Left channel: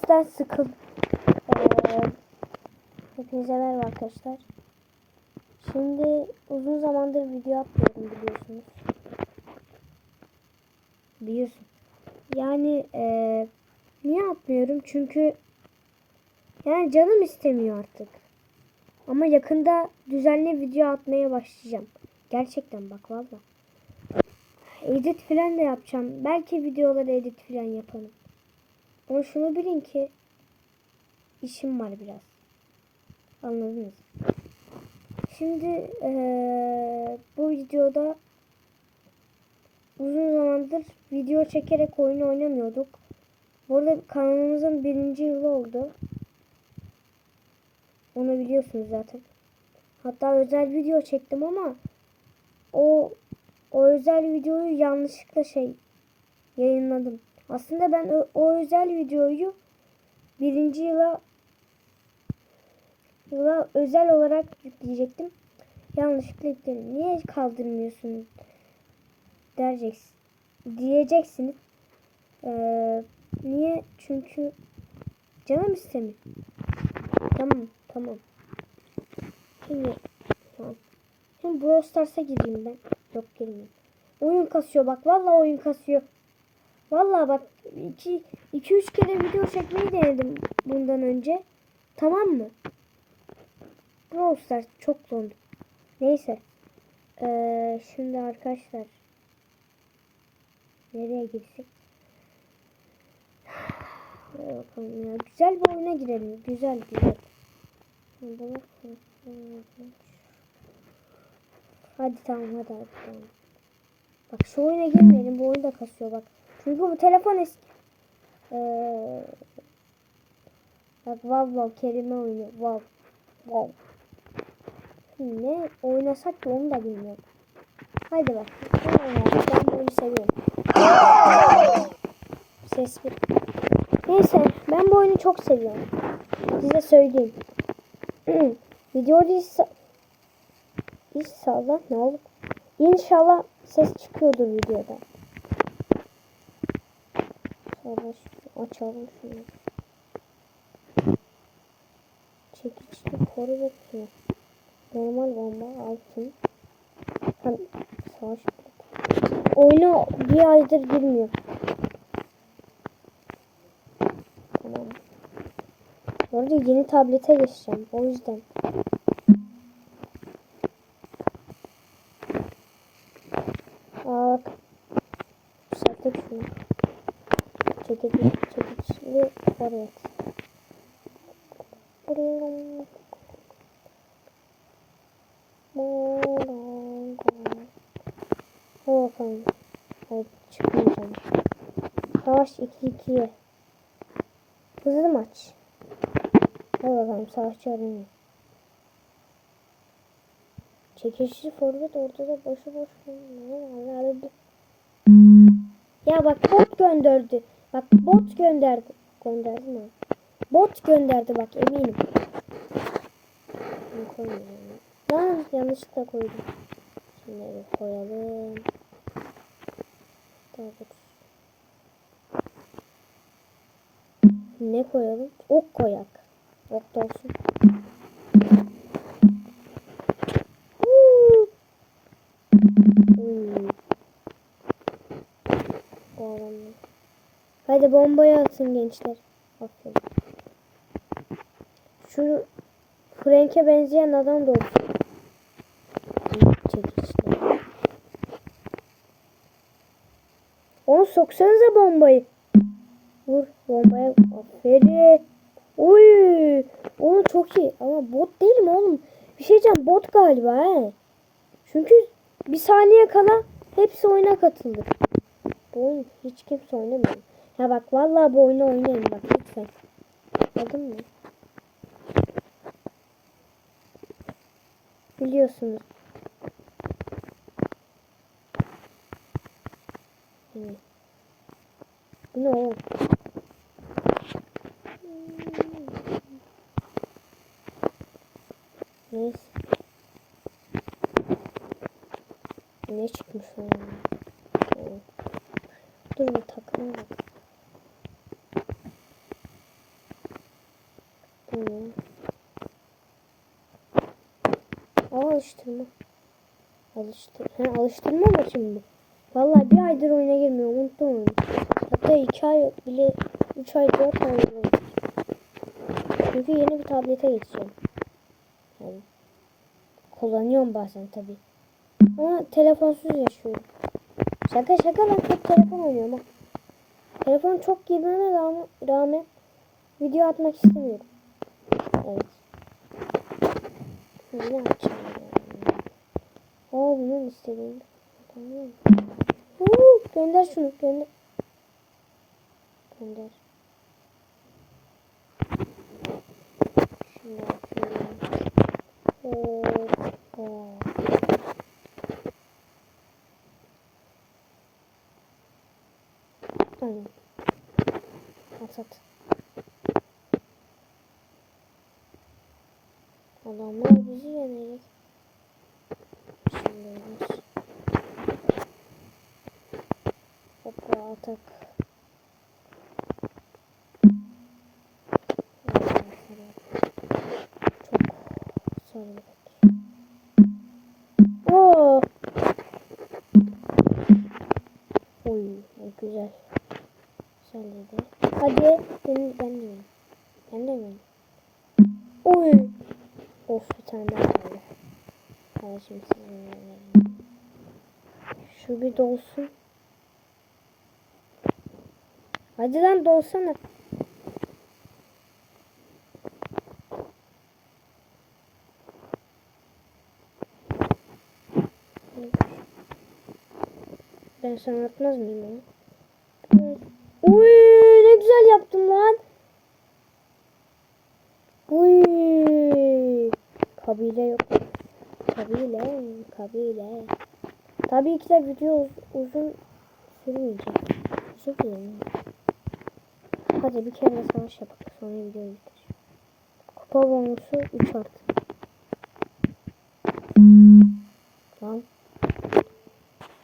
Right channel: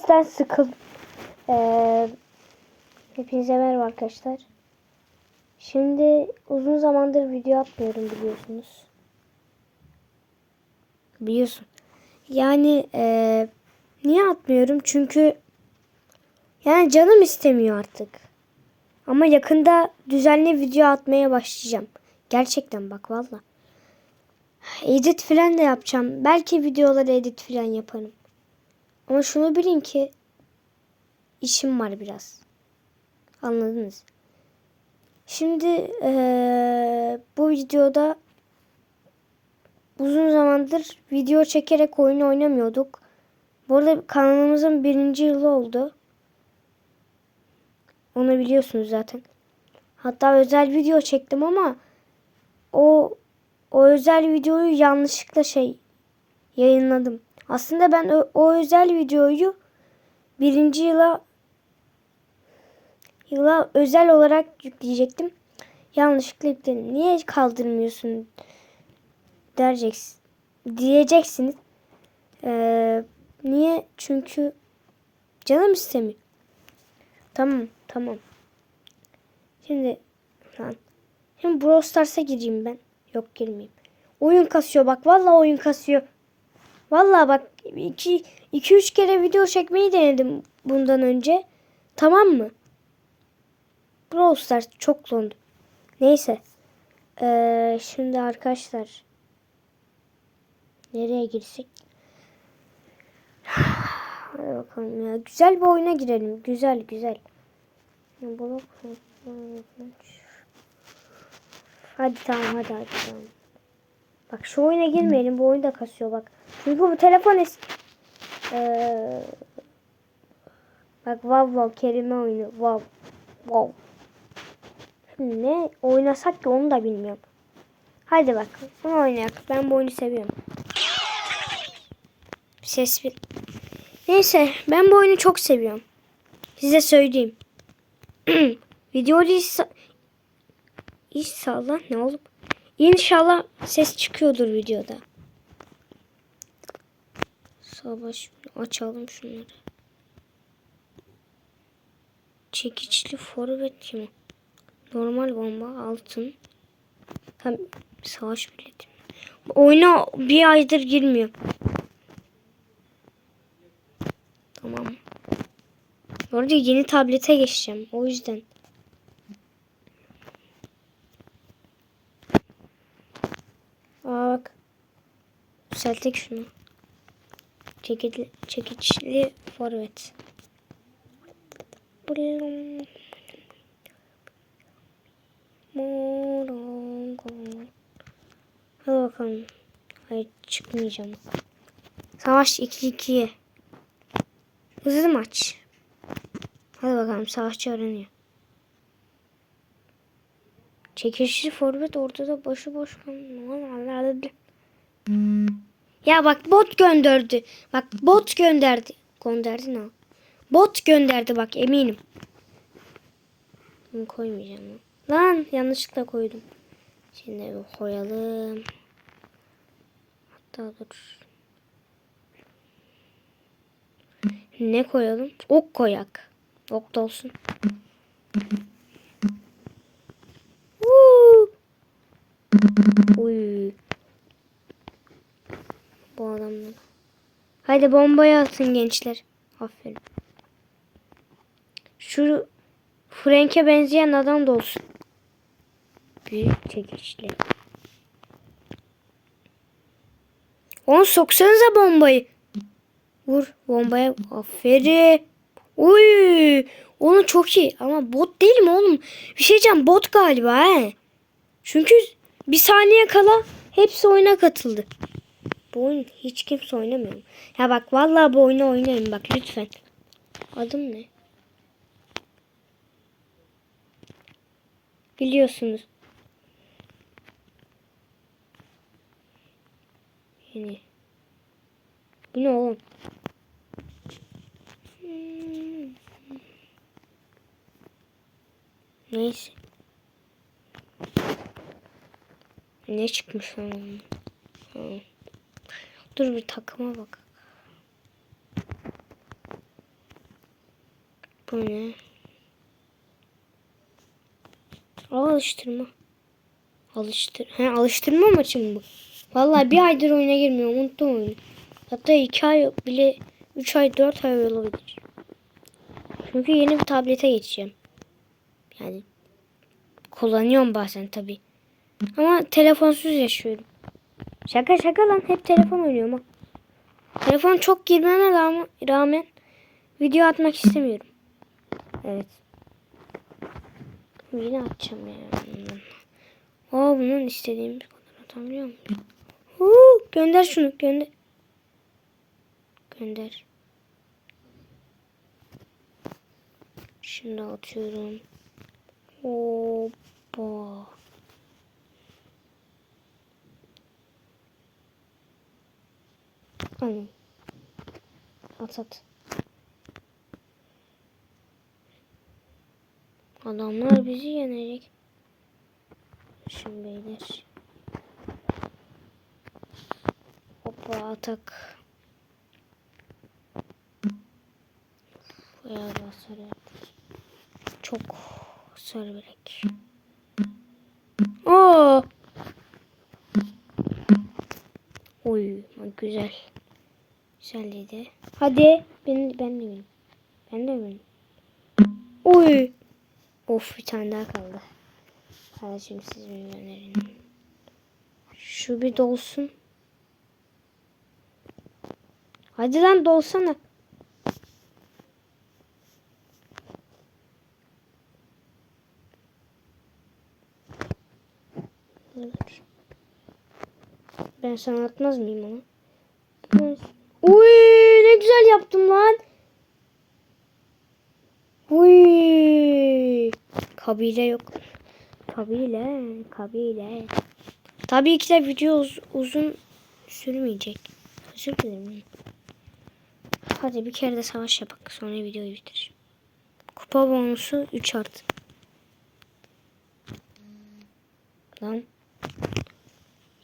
sesten sıkıldım. Ee, hepinize merhaba arkadaşlar. Şimdi uzun zamandır video atmıyorum biliyorsunuz. Biliyorsun. Yani ee, niye atmıyorum? Çünkü yani canım istemiyor artık. Ama yakında düzenli video atmaya başlayacağım. Gerçekten bak valla. Edit falan da yapacağım. Belki videoları edit falan yaparım. Ama şunu bilin ki işim var biraz. Anladınız. Şimdi eee, bu videoda uzun zamandır video çekerek oyun oynamıyorduk. Bu arada kanalımızın birinci yılı oldu. Onu biliyorsunuz zaten. Hatta özel video çektim ama o o özel videoyu yanlışlıkla şey yayınladım. Aslında ben o, o özel videoyu birinci yıla yıla özel olarak yükleyecektim. Yanlışlıkla yükledim. Niye kaldırmıyorsun diyeceksin, diyeceksiniz. Ee, niye? Çünkü canım istemiyor. Tamam, tamam. Şimdi lan. Şimdi Brawl Stars'a gireyim ben. Yok girmeyeyim. Oyun kasıyor bak. Vallahi oyun kasıyor. Vallahi bak 2 2 3 kere video çekmeyi denedim bundan önce. Tamam mı? Brawl Stars çok dondu. Neyse. Ee, şimdi arkadaşlar nereye girsek? Bakalım ya. Güzel bir oyuna girelim. Güzel güzel. Hadi tamam hadi hadi tamam. Bak şu oyuna girmeyelim. Bu oyun da kasıyor bak. Çünkü bu telefon es ee, Bak wow wow kelime oyunu. Wow. Wow. Şimdi ne oynasak ki onu da bilmiyorum. Hadi bak. Bunu oynayalım. Ben bu oyunu seviyorum. Ses bir. Neyse ben bu oyunu çok seviyorum. Size söyleyeyim. Videoda ins- İnşallah ne olup İnşallah ses çıkıyordur videoda. Savaş açalım şunları. Çekiçli forvet mi? Normal bomba altın. Tam savaş bileti. Oyuna bir aydır girmiyor. Tamam. Bu arada yeni tablete geçeceğim. O yüzden. Bak. Düzelttik şunu. Çekiçli, çekiçli forvet. Hadi bakalım. Hayır çıkmayacağım. Savaş 2-2'ye. Hızlı maç. Hadi bakalım savaşçı aranıyor. Çekişli forvet ortada başı boş. Ya bak bot gönderdi. Bak bot gönderdi. Gönderdi ne? Bot gönderdi bak eminim. Bunu koymayacağım. Lan yanlışlıkla koydum. Şimdi bir koyalım. Hatta dur. Ne koyalım? Ok koyak. Ok da olsun. Uuu. Uy. Bu adamlar. Hadi bombayı atın gençler. Aferin. Şu Frank'e benzeyen adam da olsun. Büyük çekişli. Onu soksanıza bombayı. Vur bombaya. Aferin. Uy. Onu çok iyi. Ama bot değil mi oğlum? Bir şey diyeceğim. Bot galiba he. Çünkü bir saniye kala hepsi oyuna katıldı. Bu oyun hiç kimse oynamıyor. Ya bak vallahi bu oyunu oynayın bak lütfen. Adım ne? Biliyorsunuz. Yani. Bu ne oğlum? Neyse. Ne çıkmış lan? Dur bir takıma bak. Bu ne? Alıştırma. Alıştır. He, alıştırma maçı mı bu? Vallahi bir aydır oyuna girmiyorum. Unuttum oyunu. Hatta iki ay bile üç ay dört ay olabilir. Çünkü yeni bir tablete geçeceğim. Yani kullanıyorum bazen tabi. Ama telefonsuz yaşıyorum. Şaka şaka lan hep telefon oynuyorum ha. Telefon çok girmeme rağmen, video atmak istemiyorum. Evet. Yine açacağım ya. Aa bunun istediğim kadar atamıyor? Huu, gönder şunu gönder. Gönder. Şimdi atıyorum. Hoppa. At at. Adamlar bizi yenecek. Şimdi beyler. Hoppa atak. Çok verek. Oo. Oy güzel. Güzel dedi. Hadi ben ben de benim. Ben de benim. Oy. Of bir tane daha kaldı. Kardeşim siz bir önerin. Şu bir dolsun. Hadi lan dolsana. Ben sana atmaz mıyım onu? Uy ne güzel yaptım lan. Uy. Kabile yok. Kabile, kabile. Tabii ki de video uz- uzun sürmeyecek. Özür dilerim. Hadi bir kere de savaş yapak. Sonra videoyu bitir. Kupa bonusu 3 artı. Lan.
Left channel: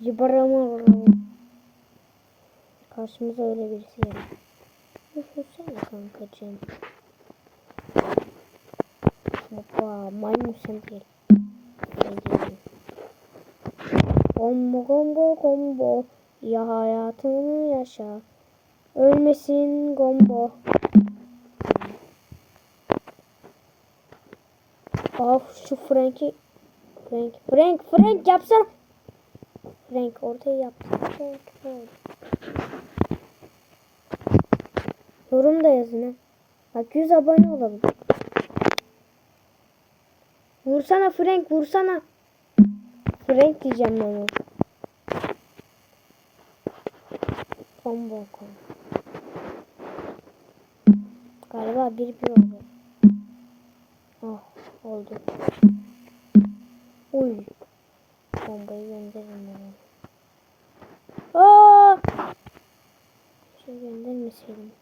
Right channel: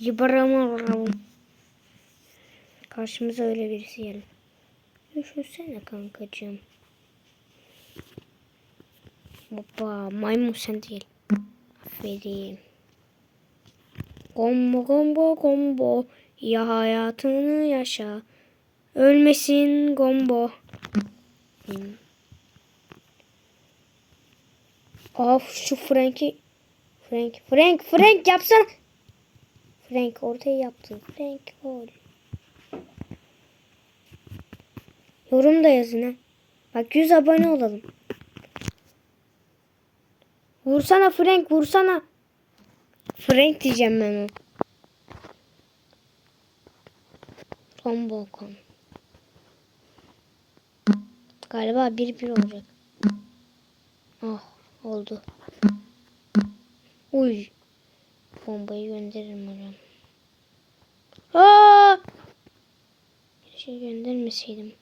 Yıbaramam. Karşımıza öyle birisi geldi. Düşünsene kankacığım. Hoppa maymun sen değil. Vereyim. Combo combo combo. Ya hayatını yaşa. Ölmesin combo. Of şu Frank'i Frank Frank Frank yapsana. Frank ortaya yaptı. Frank böyle. Yorum da yazın ha. Bak 100 abone olalım. Vursana Frank vursana. Frank diyeceğim ben o. Son balkon. Galiba bir bir olacak. Oh oldu. Uy. Bombayı gönderirim oraya. Aa! Şey göndermeseydim.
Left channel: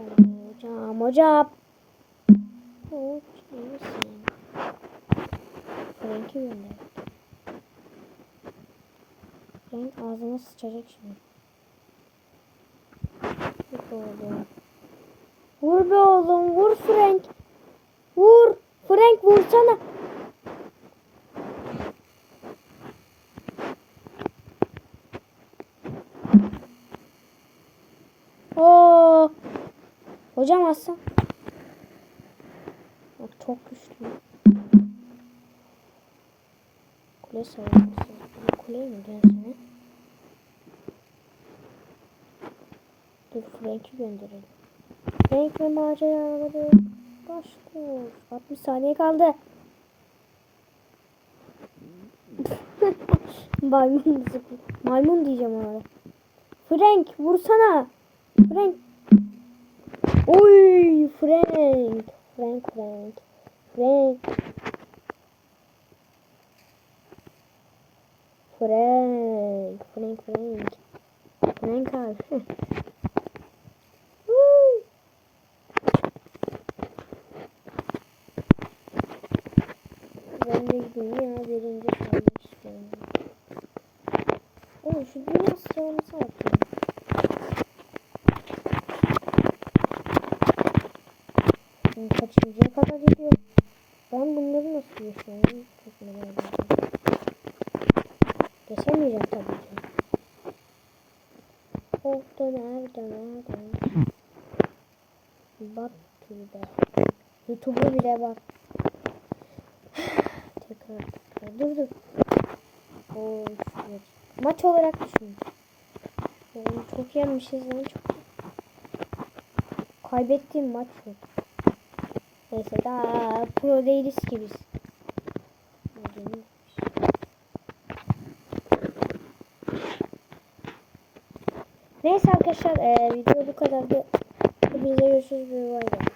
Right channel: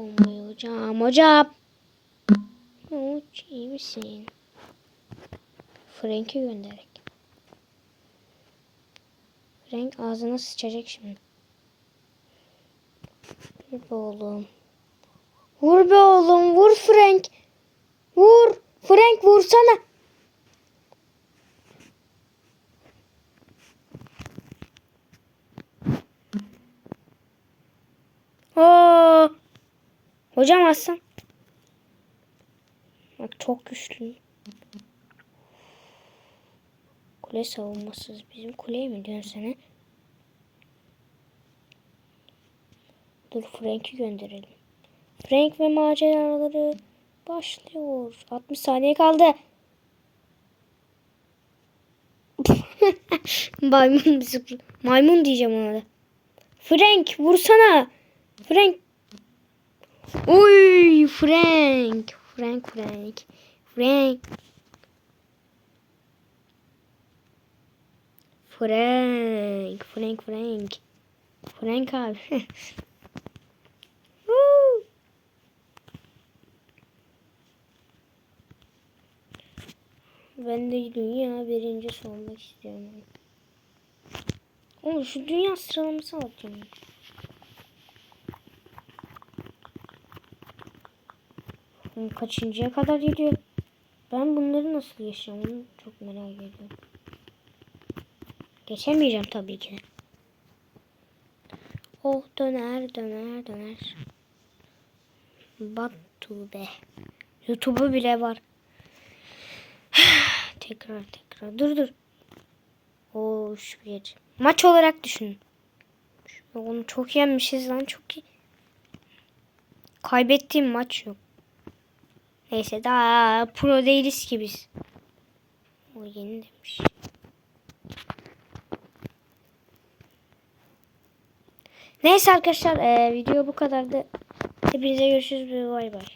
Bombayı hocam hocam. Uç iyi misin? Frank'i gönderek. Frank ağzına sıçacak şimdi. Vur be oğlum. Vur be oğlum vur Frank. Vur. Frank vursana. Oo. Hocam aslan. Çok güçlü. Kule savunmasız. Bizim kuleye mi sen? Dur Frank'i gönderelim. Frank ve maceraları başlıyor. 60 saniye kaldı. Maymun bisiklet. Maymun diyeceğim ona da. Frank vursana. Frank. Oy Frank. Frank Frank. Frank. Frank. Frank Frank. Frank abi. Ben de dünya birincisi olmak istiyorum. Oğlum şu dünya sıralaması atıyor. Bakın kaçıncıya kadar geliyor. Ben bunları nasıl geçeceğim? Onu çok merak ediyorum. Geçemeyeceğim tabii ki. Oh döner döner döner. Batu be. YouTube'u bile var. tekrar tekrar. Dur dur. Oo şu bir. Maç olarak düşünün. Oğlum çok yenmişiz lan çok iyi. Kaybettiğim maç yok. Neyse daha pro değiliz ki biz. O yeni demiş. Neyse arkadaşlar eee, video bu kadardı. Hepinize görüşürüz. Bay bay.